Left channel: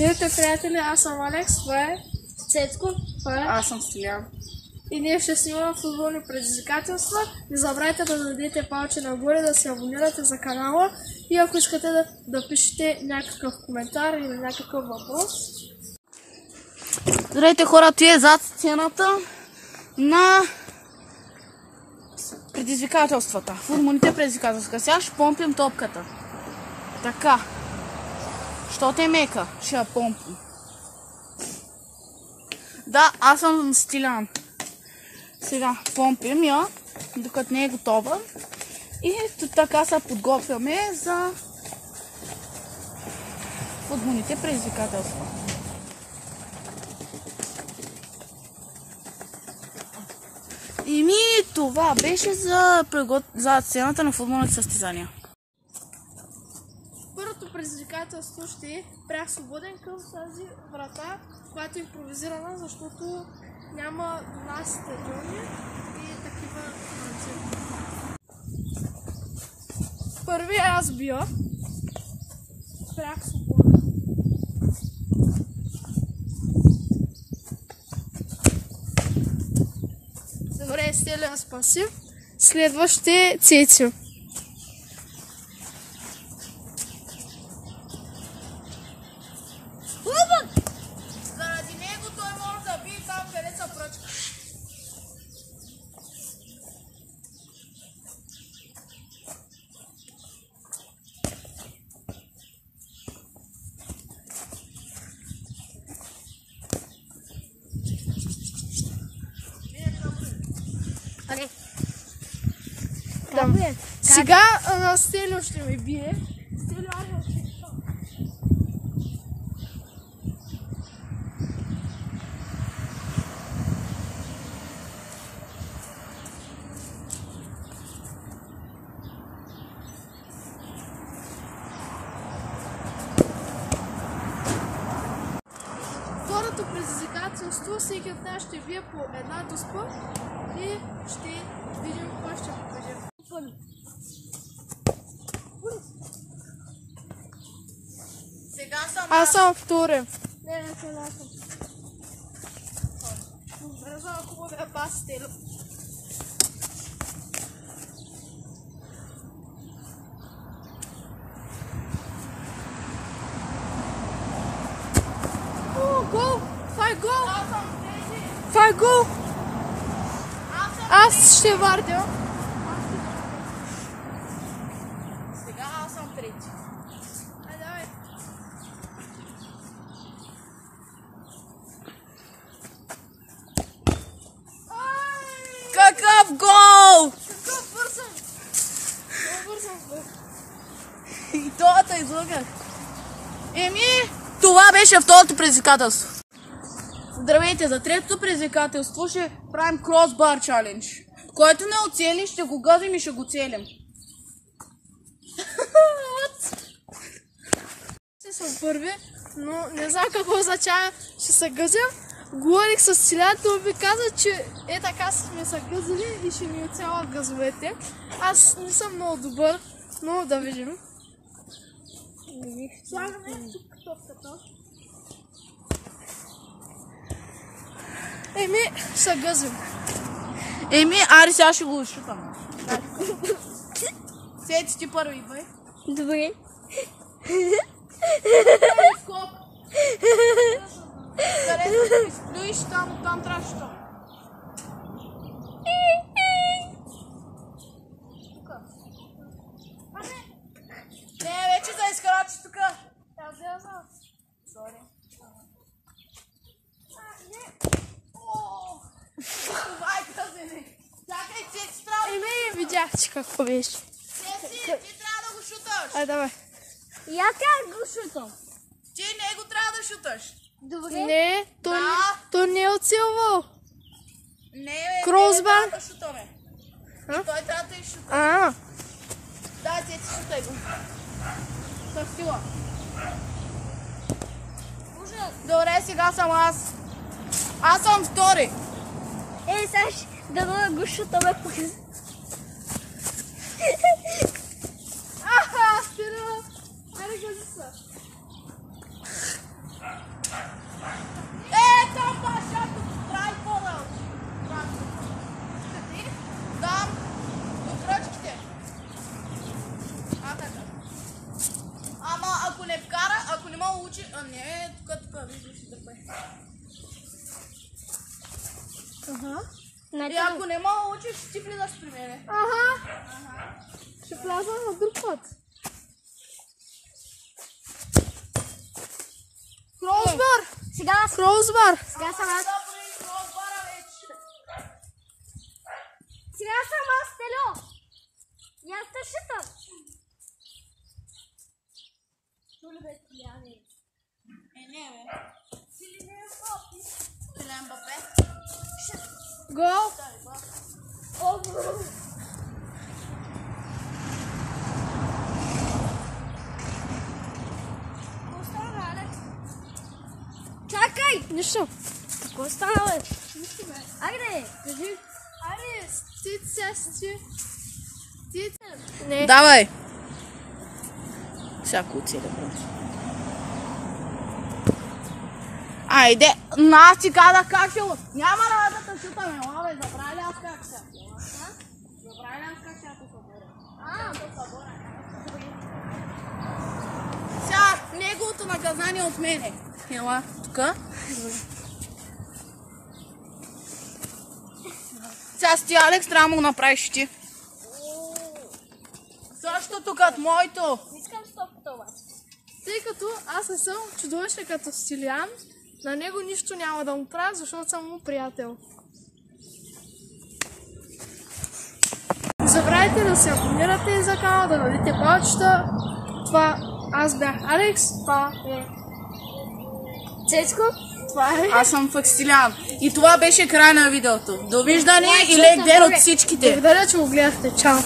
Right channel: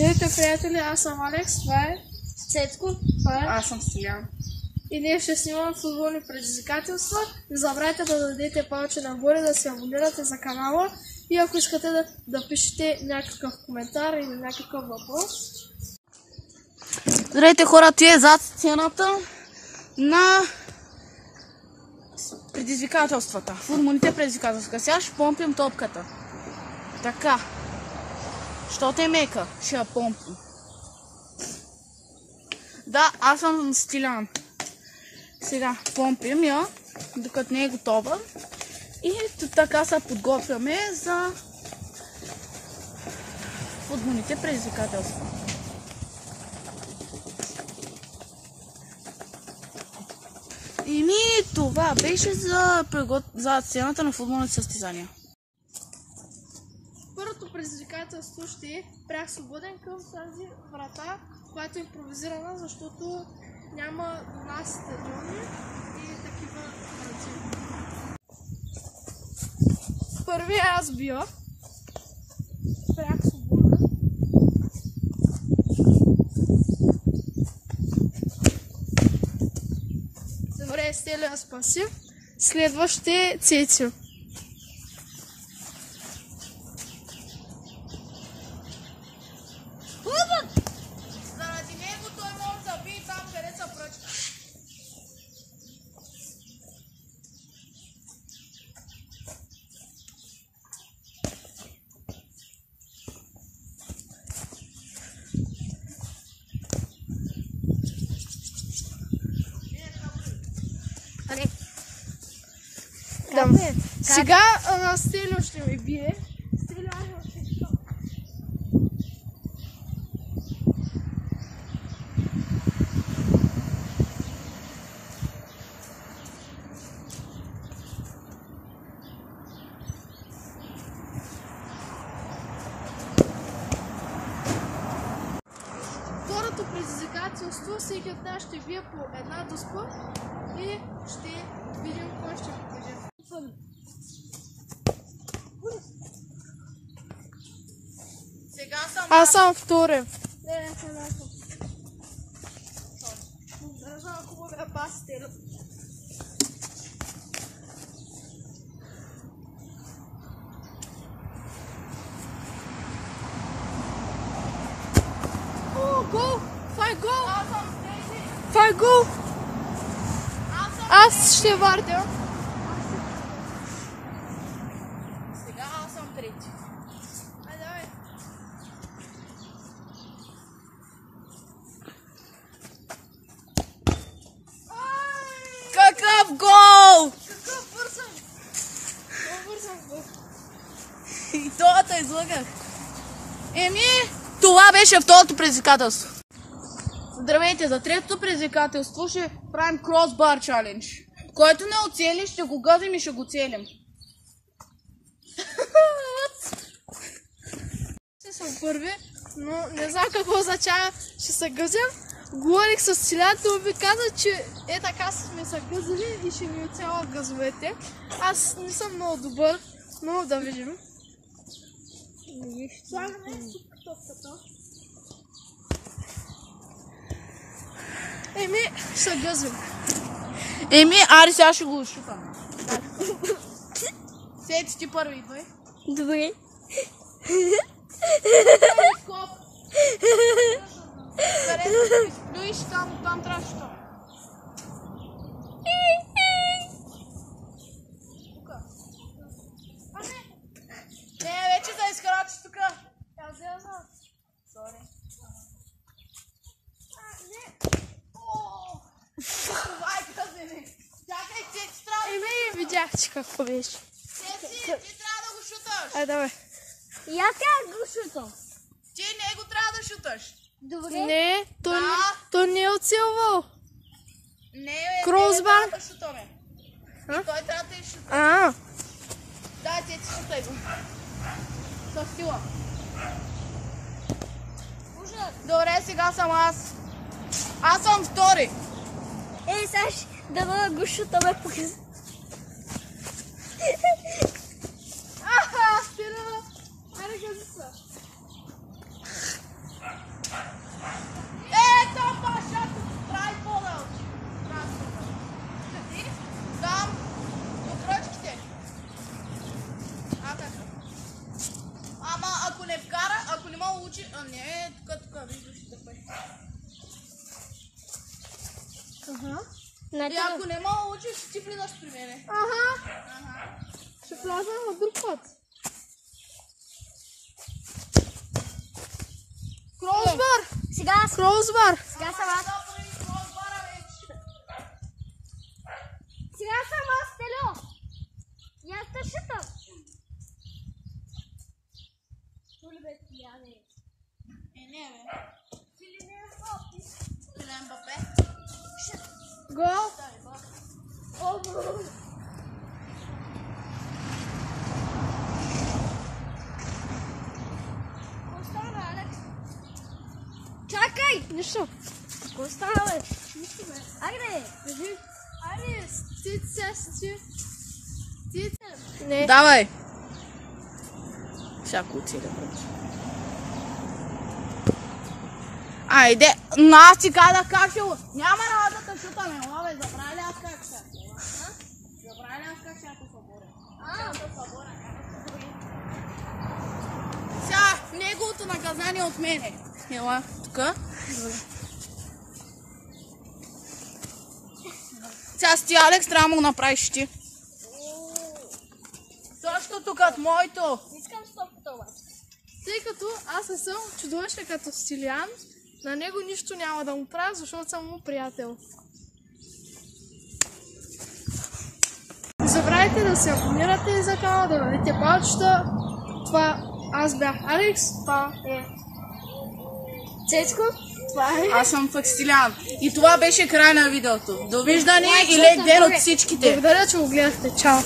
Здравейте, приятели, аз съм Алекс, това е Цецко, Аз съм Стилян. И ние ще снимаме футболни предизвикателства. Не забравяйте да дадете палче нагоре, да се абонирате за канала и ако искате да пишете някакъв коментар или някакъв въпрос. Здравейте хора, това е зад сцената на предизвикателствата. Футболните предизвикателства. Сега ще помпим топката. Така. Щото е мека, ще я помпим. Да, аз съм Стилян. Сега помпим я, докато не е готова. И така се подготвяме за футболните предизвикателства. И това беше за сцената на футболните състезания. Първото предизвикателство ще е прях свободен към тази врата, която е импровизирана, защото няма до нас стадиони и такива врати. Първи аз бия. Прях свободен. Добре, Стелян спаси. Следващ е Цеци. Заради него той може да бие там, къде са пръчка. Сега Стелио ще ме бие. Стелио, второто предизвикателство, всеки от нас ще бие по една доспа и ще видим кой ще покаже. Сега съм Аз съм втори. Не съм аз. Не знам ако мога да паси Стелио. Гол! Това е гол! Това е гол! Аз ще вардя. Сега аз съм трети. Айде, давай. Какъв гол! Какъв бързам! Много бързам гол. И това излъгах. Това беше второто предизвикателство. Здравейте, за третото предизвикателство ще правим кросбар чалендж. Който не оцели, ще го гъзим и ще го целим. Ще съм първи, но не знам какво означава, ще се гъзим. Говорих с Стилян, той ми каза, че така сме се гъзили и ще ни оцелят гъзовете. Аз не съм много добър, но да видим. Слагаме тук топката. Ще се гъзим. Ари сега ще го шутаме. Сети ти първи, бай. Добре. Скок. Където стоиш, там трябва да шутаме. Тука. Не, вече за изкрачи тука. Аз я знам. Сори. Не. Това е казане. Чакай, Цеци, трябва да... Видях, че какво беше. Цеци, ти трябва да го шуташ. Ай, давай. И аз как го шутам? Ти него трябва да шуташ. Добре. Не, Да. той не е оцелвал. Не, Кросбар. трябва да шутаме. И той трябва да изшута. Да, Цеци, шутай го. С сила. Добре, сега съм аз. Аз съм втори. Сега да го шутаме по Стилян. Айде, гази са. мога учи... А не, тук, виждаш да пе. Аха. И ако не мога учиш, ще ти влизаш при мене. Аха. Ще вляза на друг път. Кросбар! Сега Кросбар! Сега съм аз, Тело. И аз те шитам. Чули бе, Тиляне? Не бе. Сили не е Мбапе. Килиан Мбапе. Гол! Какво стана, Алекс? Чакай! Нищо. Какво стана, бе? Нищо бе. Айде, кажи. Айде, стица. Не. Давай. Всяко оцеля, брат. Айде, аз ти казах как ще... Няма работа да шутаме, но бе, забравя ли аз как ще? Забравя ли аз как ще те съборя? Сега, неговото наказание от мене. Ела, тука. Сега с ти, Алекс, трябва да му направиш ти. Същото като моето. Искам стопата обаче. Тъй като аз не съм чудовище като Стилян, на него нищо няма да му правя, защото съм му приятел. Не забравяйте да се абонирате за канала, да дадете палчета. Това аз бях Алекс, това е Цецко? Това е... Аз съм Факстилян. И това беше край на видеото. Довиждане и лек ден от всичките. Благодаря, че го гледахте. Чао!